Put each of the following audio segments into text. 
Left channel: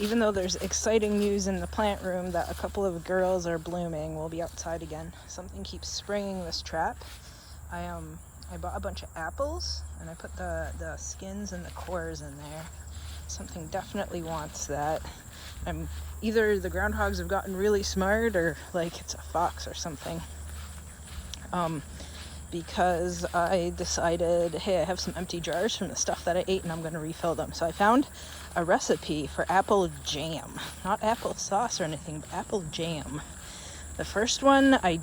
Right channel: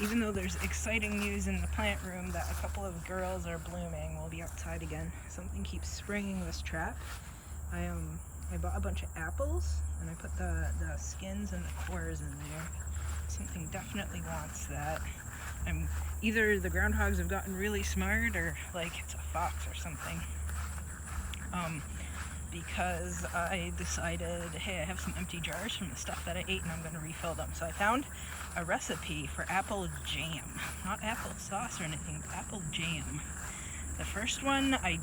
even though there's exciting news in the plant room that a couple of girls are blooming, we'll be outside again. Something keeps springing this trap. I bought a bunch of apples and I put the skins and the cores in there. Something definitely wants that. Either the groundhogs have gotten really smart or like it's a fox or something. Because I decided, hey, I have some empty jars from the stuff that I ate and I'm going to refill them. So I found a recipe for apple jam. Not apple sauce or anything, but apple jam. The first one, I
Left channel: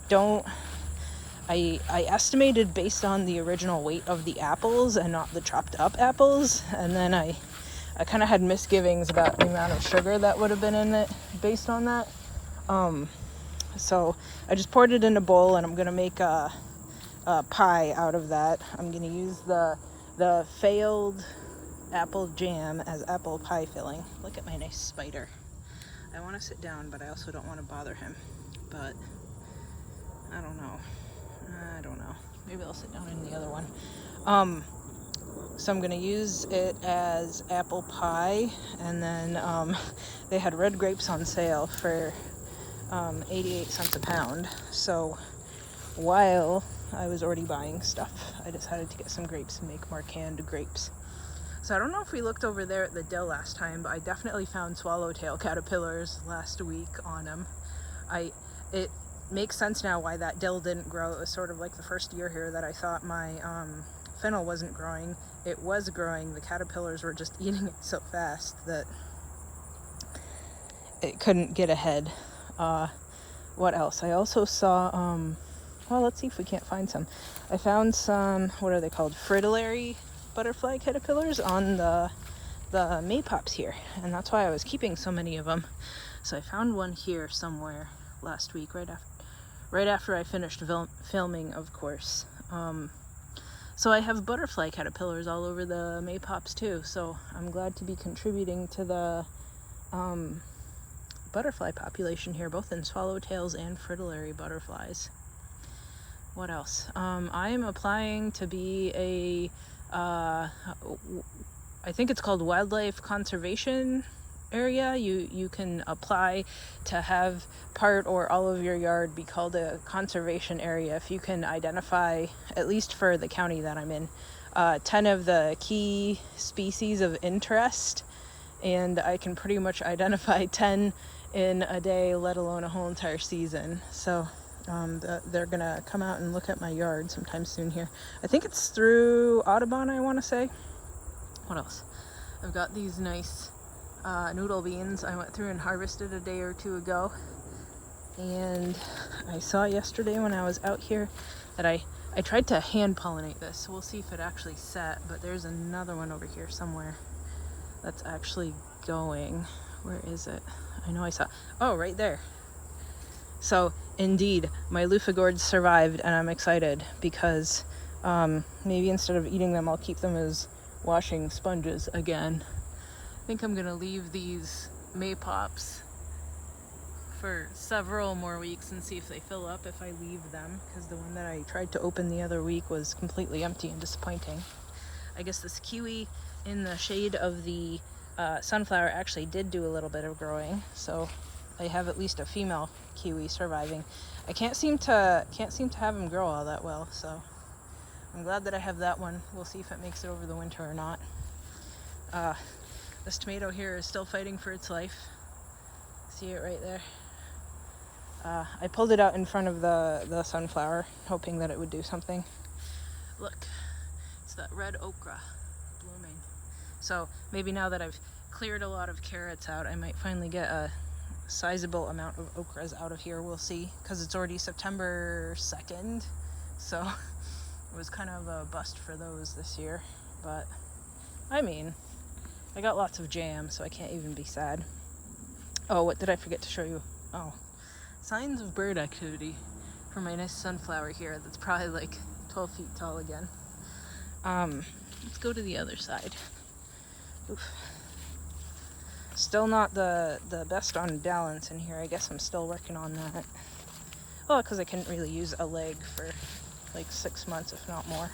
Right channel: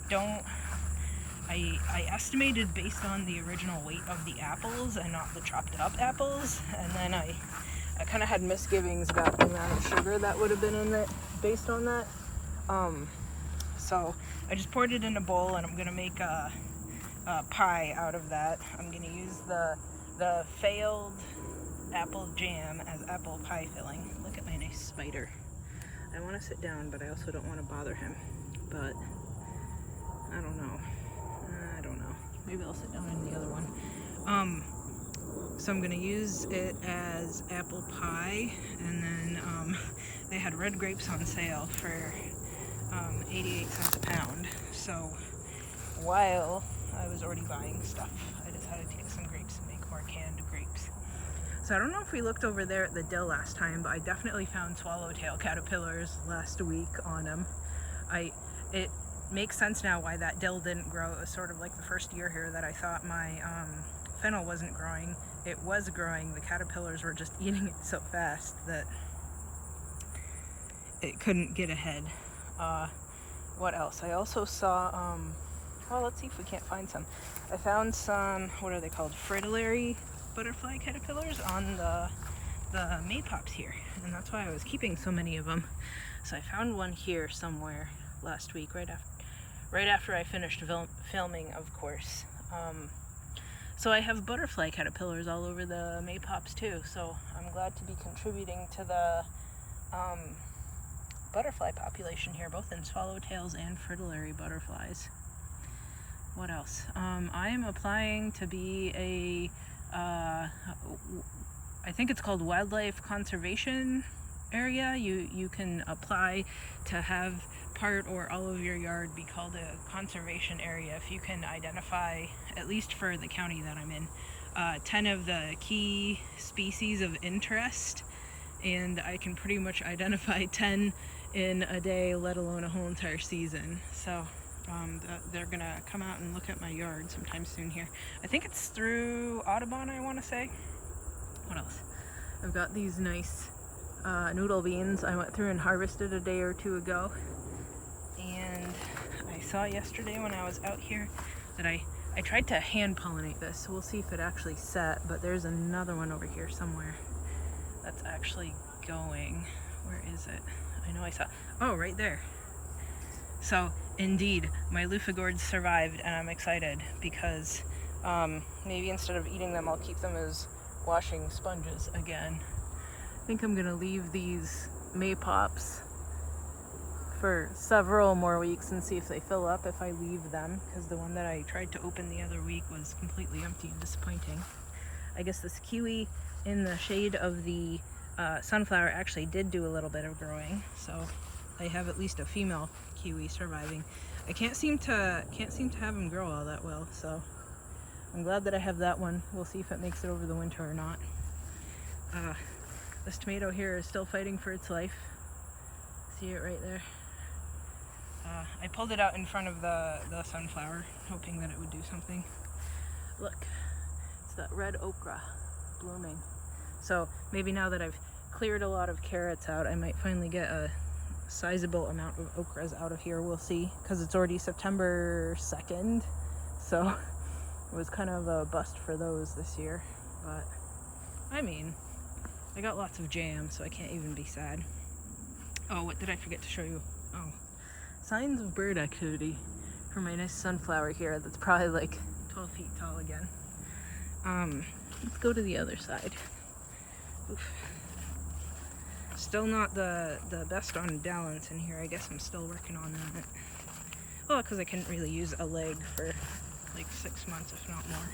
estimated based on the original weight of the apples and not the chopped up apples. And then I kind of had misgivings about the amount of sugar that would have been in it based on that. So I just poured it in a bowl and I'm going to make a pie out of that. I'm going to use the failed apple jam as apple pie filling. Look at my nice spider. I want to sit down, but I also don't want to bother him. But I don't know. Maybe I'll sit down in the other one. So I'm going to use it as apple pie, and then they had red grapes on sale for 88 cents a pound. So while I was already buying stuff, I decided to get some grapes and make more canned grapes. So I don't know if we looked over there at the dill last time, but I definitely found swallowtail caterpillars last week on them. It makes sense now why that dill didn't grow. It was sort of like the first year here that I thought my fennel wasn't growing. It was growing. The caterpillars were just eating it so fast that it couldn't get ahead. What else? I also saw well, let's see if we can't find some. I found some, what are they called? Fritillary butterfly caterpillars on the maypops here. And that's why I was keeping so many of them. So I found one here somewhere last week, right after I finished filming, of course. So I have butterfly caterpillars all over the maypops too. So I'm glad to be contributing to the butterfly population here, both in swallowtails and fritillary butterflies. What else? I am applying to be a, I think it's called wildlife conservation area. You can apply to have part or all of your yard be called a conservation area if you can identify, at least for the county that I'm in, 10 of the key species of interest, and I can pretty much identify 10 in a day, let alone a whole entire season. So they're gonna come out and look at my yard sometime soon here. I think it's through Audubon, I want to say. What else? I've got these nice noodle beans I went through and harvested a day or two ago, and I saw yesterday when I was out here that I tried to hand pollinate this, so we'll see if it actually set, but there's another one over here somewhere that's actually going. Where is it? I know I saw, oh, right there. So indeed, my loofah gourds survived, and I'm excited because maybe instead of eating them, I'll keep them as washing sponges again. I think I'm gonna leave these maypops for several more weeks and see if they fill up if I leave them, because the one that I tried to open the other week was completely empty and disappointing. I guess this kiwi in the shade of the sunflower actually did do a little bit of growing, so I have at least a female kiwi surviving. I can't seem to have them grow all that well, so I'm glad that I have that one. We'll see if it makes it over the winter or not. This tomato here is still fighting for its life. See it right there? I pulled it out in front of the sunflower, hoping that it would do something. Look, it's that red okra blooming. So maybe now that I've cleared a lot of carrots out, I might finally get a sizable amount of okras out of here. We'll see, because it's already September 2nd, so it was kind of a bust for those this year. But I mean, I got lots of jam, so I can't even be sad. Oh, what did I forget to show you? Oh, signs of bird activity for my nice sunflower here that's probably like 12 feet tall again. Let's go to the other side. Oof. Still not the best on balance in here. I guess I'm still working on that. Well, because I couldn't really use a leg for like 6 months, if not more.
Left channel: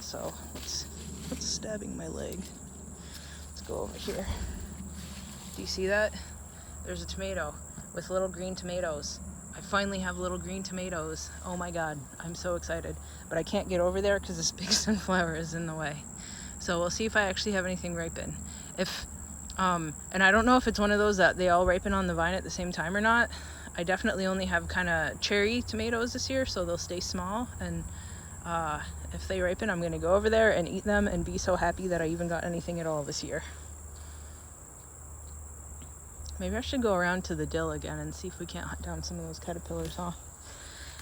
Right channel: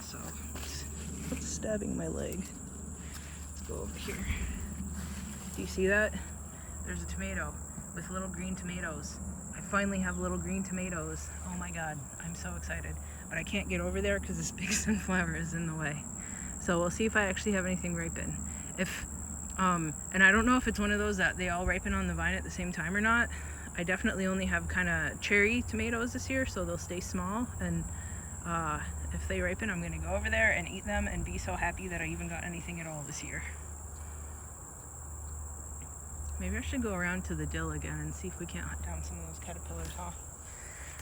So what's stabbing my leg? Let's go over here. Do you see that? There's a tomato with little green tomatoes. I finally have little green tomatoes. Oh my God, I'm so excited. But I can't get over there because this big sunflower is in the way. So we'll see if I actually have anything ripen. If, and I don't know if it's one of those that they all ripen on the vine at the same time or not. I definitely only have kind of cherry tomatoes this year, so they'll stay small. And if they ripen, I'm gonna go over there and eat them and be so happy that I even got anything at all this year. Maybe I should go around to the dill again and see if we can't hunt down some of those caterpillars, huh?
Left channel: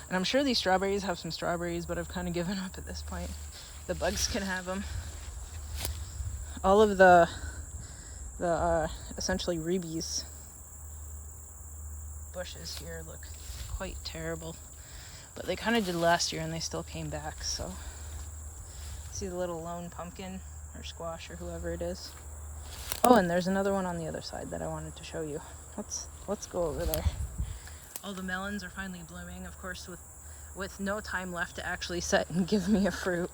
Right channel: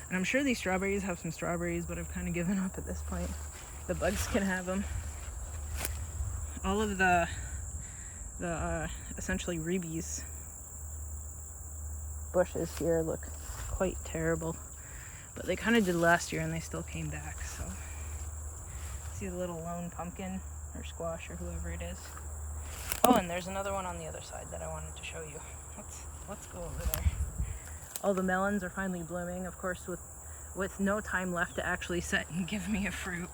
And I'm sure these strawberries have some strawberries, but I've kind of given up at this point. The bugs can have them. All of the essentially reebies bushes here look quite terrible. But they kind of did last year and they still came back, so. See the little lone pumpkin or squash or whoever it is. Oh, and there's another one on the other side that I wanted to show you. Let's go over there. All the melons are finally blooming, of course, with no time left to actually set and give me a fruit.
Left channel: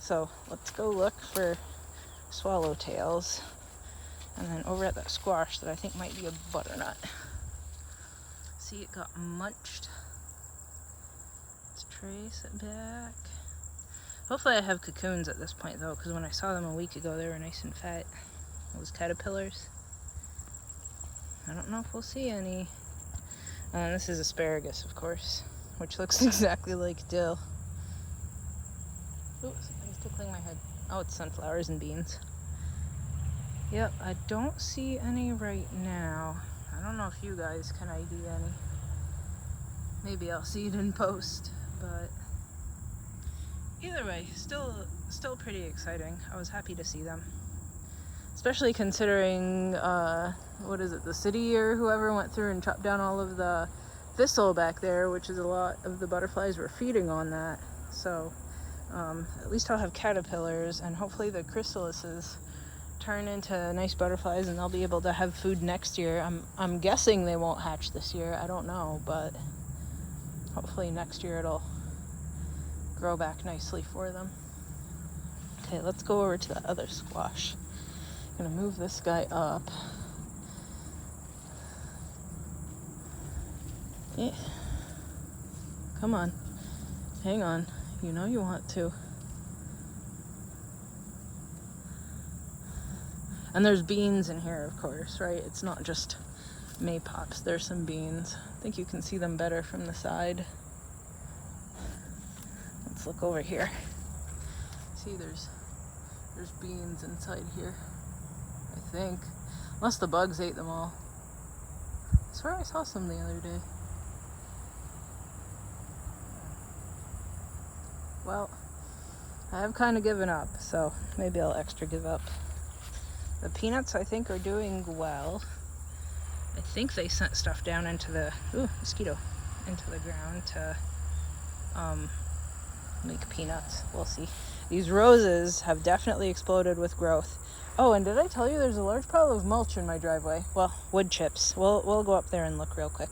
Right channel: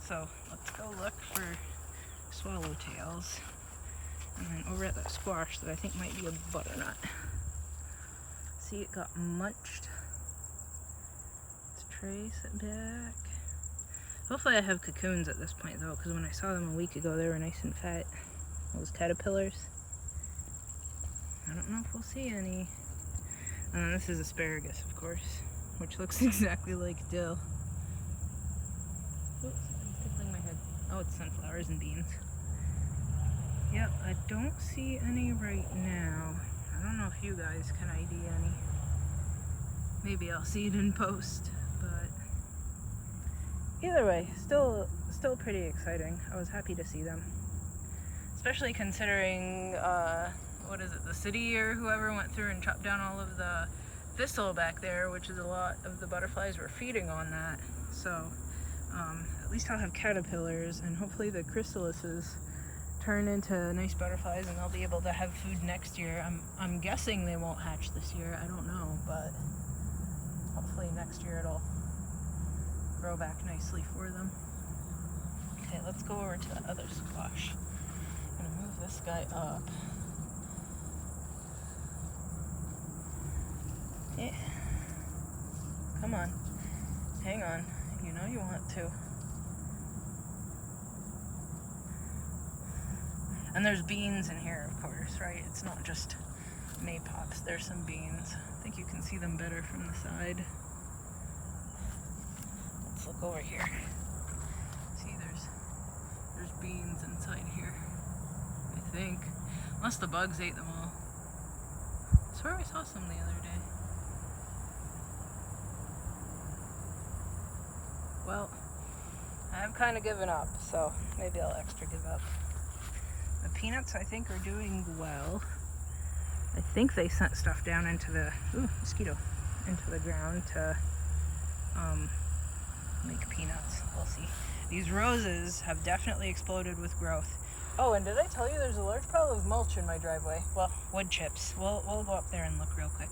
So let's go look for swallowtails. And then over at that squash that I think might be a butternut. See, it got munched. Let's trace it back. Hopefully I have cocoons at this point though, because when I saw them a week ago they were nice and fat. Those caterpillars. I don't know if we'll see any. This is asparagus, of course, which looks exactly like dill. Ooh, something's tickling my head. Oh, it's sunflowers and beans. Yep, I don't see any right now. I don't know if you guys can ID any. Maybe I'll see it in post, but either way, still pretty exciting. I was happy to see them. Especially considering, what is it, the city or whoever went through and chopped down all of the thistle back there, which is a lot of the butterflies were feeding on that. So at least I'll have caterpillars, and hopefully the chrysalises turn into nice butterflies and they'll be able to have food next year. I'm guessing they won't hatch this year. I don't know, but hopefully next year it'll grow back nicely for them. Okay, let's go over to the other squash. I'm gonna move this guy up. Yeah. Come on. Hang on. You know you want to. And there's beans in here, of course, right? It's not just maypops. There's some beans. I think you can see them better from the side. Let's look over here. See, there's beans inside here, I think. Unless the bugs ate them all. I swear I saw some the other day. Well, I have kind of given up, so maybe I'll extra give up. The peanuts, I think, are doing well. I think they sent stuff down into the, ooh, mosquito, into the ground to make peanuts. We'll see. These roses have definitely exploded with growth. Oh, and did I tell you there's a large pile of mulch in my driveway? Well, wood chips. We'll go up there and look real quick.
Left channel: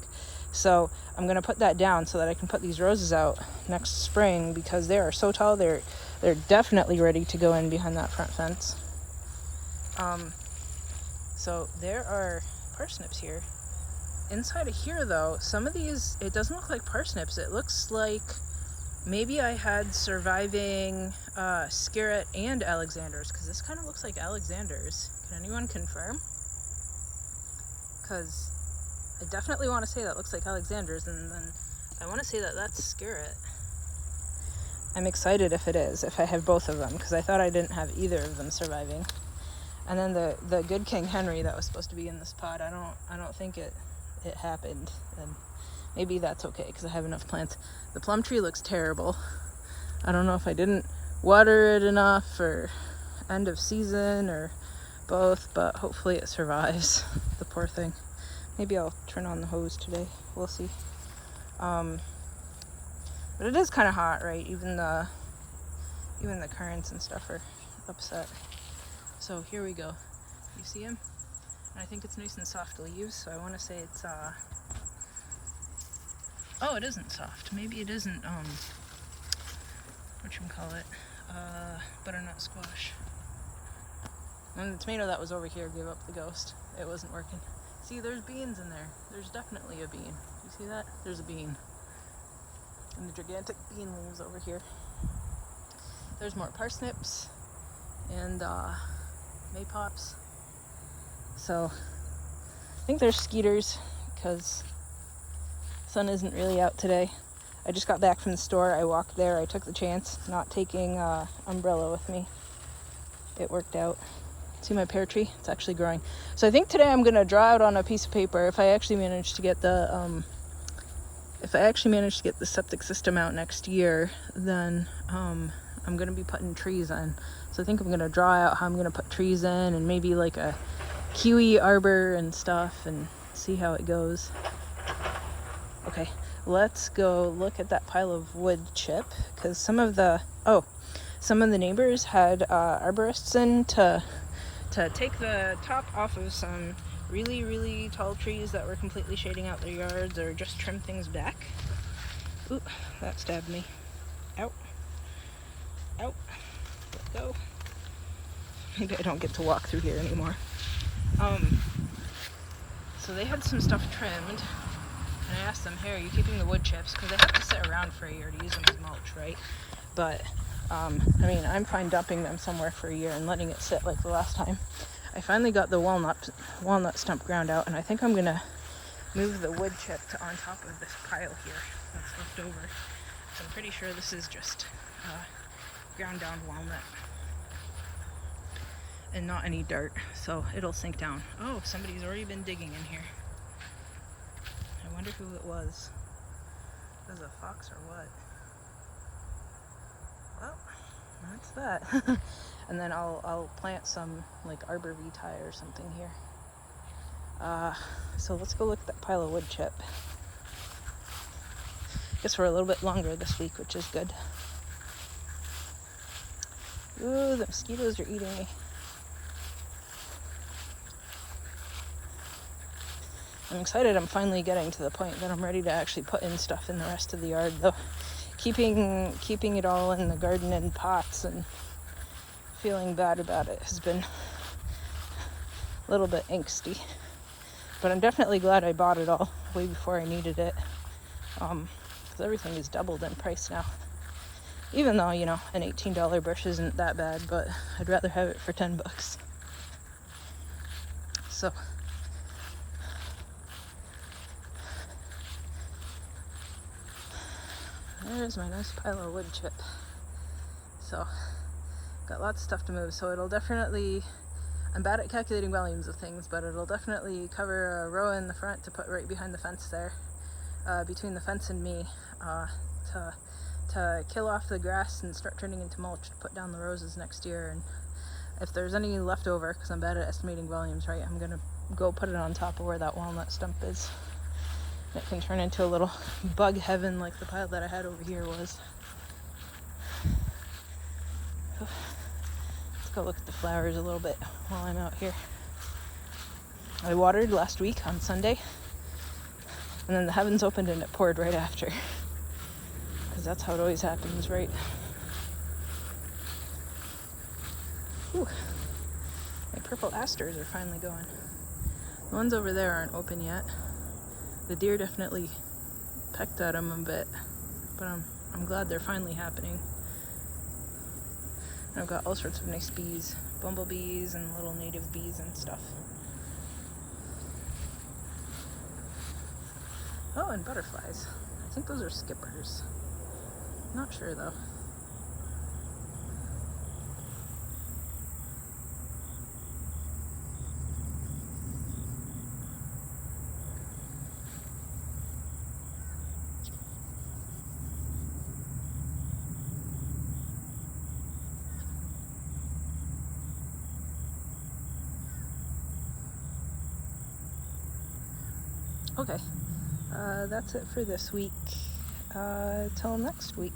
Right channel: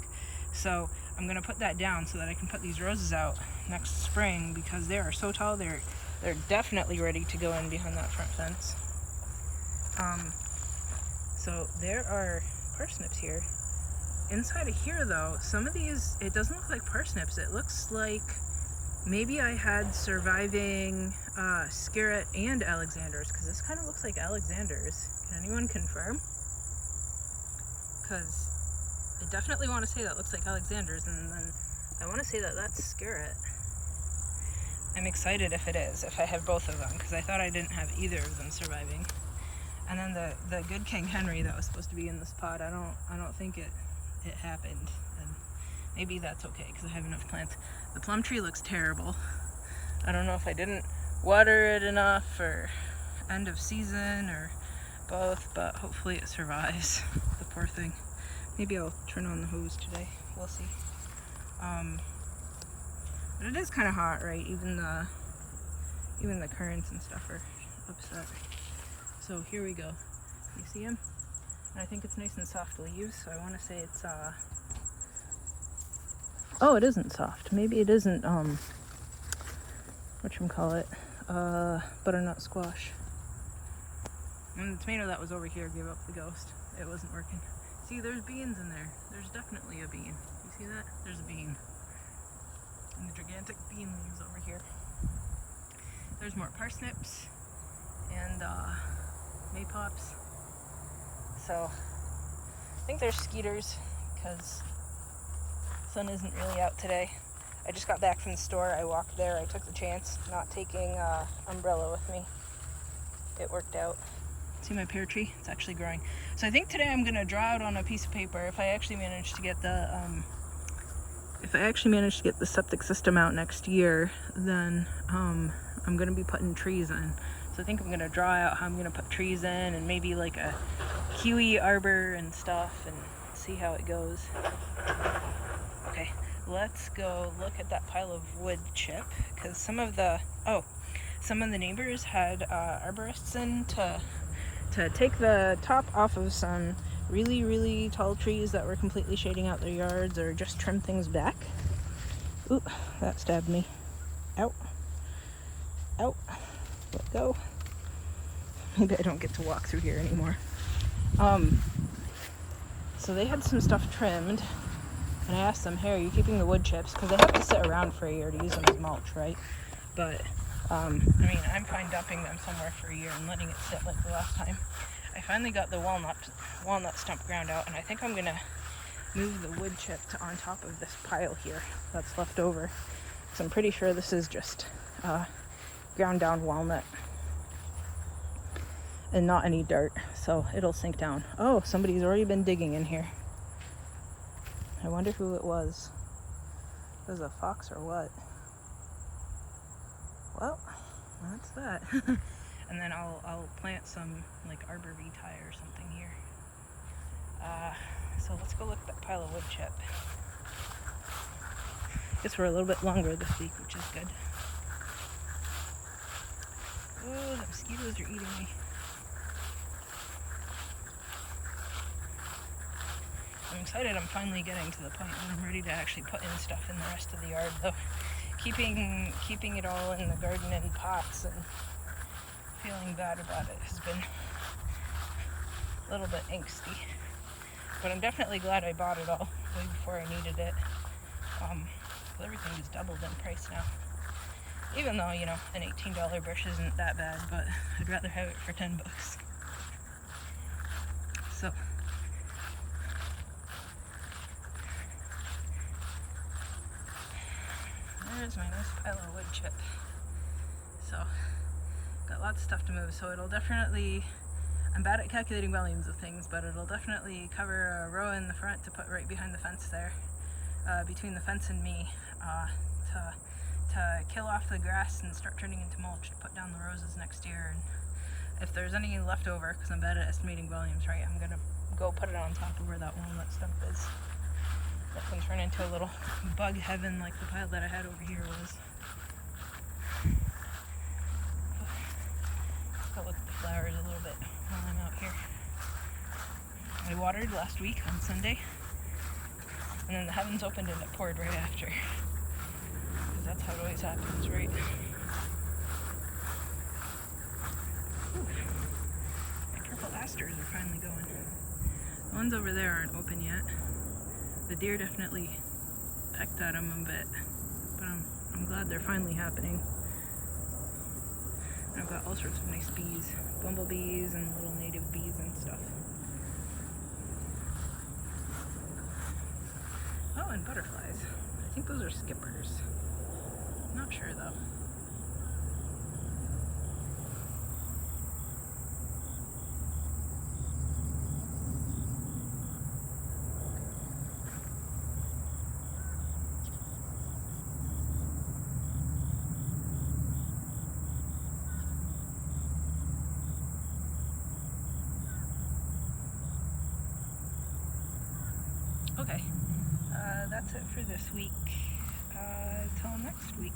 So I'm gonna put that down so that I can put these roses out next spring, because they are so tall. They're definitely ready to go in behind that front fence. So there are parsnips here. Inside of here though, some of these, it doesn't look like parsnips. It looks like maybe I had surviving Scarlet and Alexanders, because this kind of looks like Alexanders. Can anyone confirm? Because I definitely want to say that looks like Alexanders, and then I want to say that that's Scarlet. I'm excited if it is, if I have both of them, because I thought I didn't have either of them surviving. And then the good King Henry that was supposed to be in this pot, I don't think it happened, and maybe that's okay because I have enough plants. The plum tree looks terrible. I don't know if I didn't water it enough, or end of season, or both, but hopefully it survives. The poor thing. Maybe I'll turn on the hose today. We'll see. But it is kind of hot, right? Even the currants and stuff are upset. So here we go. You see him? And I think it's nice and soft leaves, so I want to say it's oh, it isn't soft. Maybe it isn't whatchamacallit, butternut squash. And the tomato that was over here gave up the ghost. It wasn't working. See, there's beans in there. There's definitely a bean. You see that? There's a bean. And the gigantic bean leaves over here. There's more parsnips and maypops. So I think there's skeeters because the sun isn't really out today. I just got back from the store. I walked there. I took the chance not taking umbrella with me. It worked out. See my pear tree? It's actually growing. So I think today I'm gonna draw out on a piece of paper if I actually manage to get the septic system out next year, then I'm gonna be putting trees in. So I think I'm gonna draw out how I'm gonna put trees in and maybe like a kiwi arbor and stuff and see how it goes. Okay, let's go look at that pile of wood chip because some of the neighbors had arborists in to take the top off of some really tall trees that were completely shading out their yards or just trim things back. Ooh, that stabbed me. Ow. Ow. Let go. Maybe I don't get to walk through here anymore. So they had some stuff trimmed, and I asked them, hey, are you keeping the wood chips? Because they have to sit around for a year to use them as mulch, right? But, I mean, I'm fine dumping them somewhere for a year and letting it sit like the last time. I finally got the walnut stump ground out, and I think I'm going to move the wood chip to on top of this pile here that's left over. So I'm pretty sure this is just ground down walnut and not any dirt, so it'll sink down. Oh, somebody's already been digging in here. I wonder who it was. If it was a fox or what? Well, that's that. And then I'll plant some like arbor vitae or something here. So let's go look at that pile of wood chip. Guess we're a little bit longer this week, which is good. Ooh, the mosquitoes are eating me. I'm excited I'm finally getting to the point that I'm ready to actually put in stuff in the rest of the yard, though. Keeping it all in the garden in pots and feeling bad about it has been a little bit angsty. But I'm definitely glad I bought it all way before I needed it. Because everything is doubled in price now. Even though, you know, an $18 bush isn't that bad, but I'd rather have it for 10 bucks. So there's my nice pile of wood chip. So got lots of stuff to move, so it'll definitely, I'm bad at calculating volumes of things, but it'll definitely cover a row in the front to put right behind the fence there, between the fence and me, to kill off the grass and start turning into mulch to put down the roses next year. And if there's any left over, because I'm bad at estimating volumes, right, I'm gonna go put it on top of where that walnut stump is. That thing turned into a little bug heaven like the pile that I had over here was. Let's go look at the flowers a little bit while I'm out here. I watered last week on Sunday, and then the heavens opened and it poured right after. Because that's how it always happens, right? Ooh, my purple asters are finally going. The ones over there aren't open yet. The deer definitely pecked at them a bit, but I'm glad they're finally happening. I've got all sorts of nice bees, bumblebees and little native bees and stuff. Oh, and butterflies. I think those are skippers. Not sure though. Okay, that's it for this week. Till next week.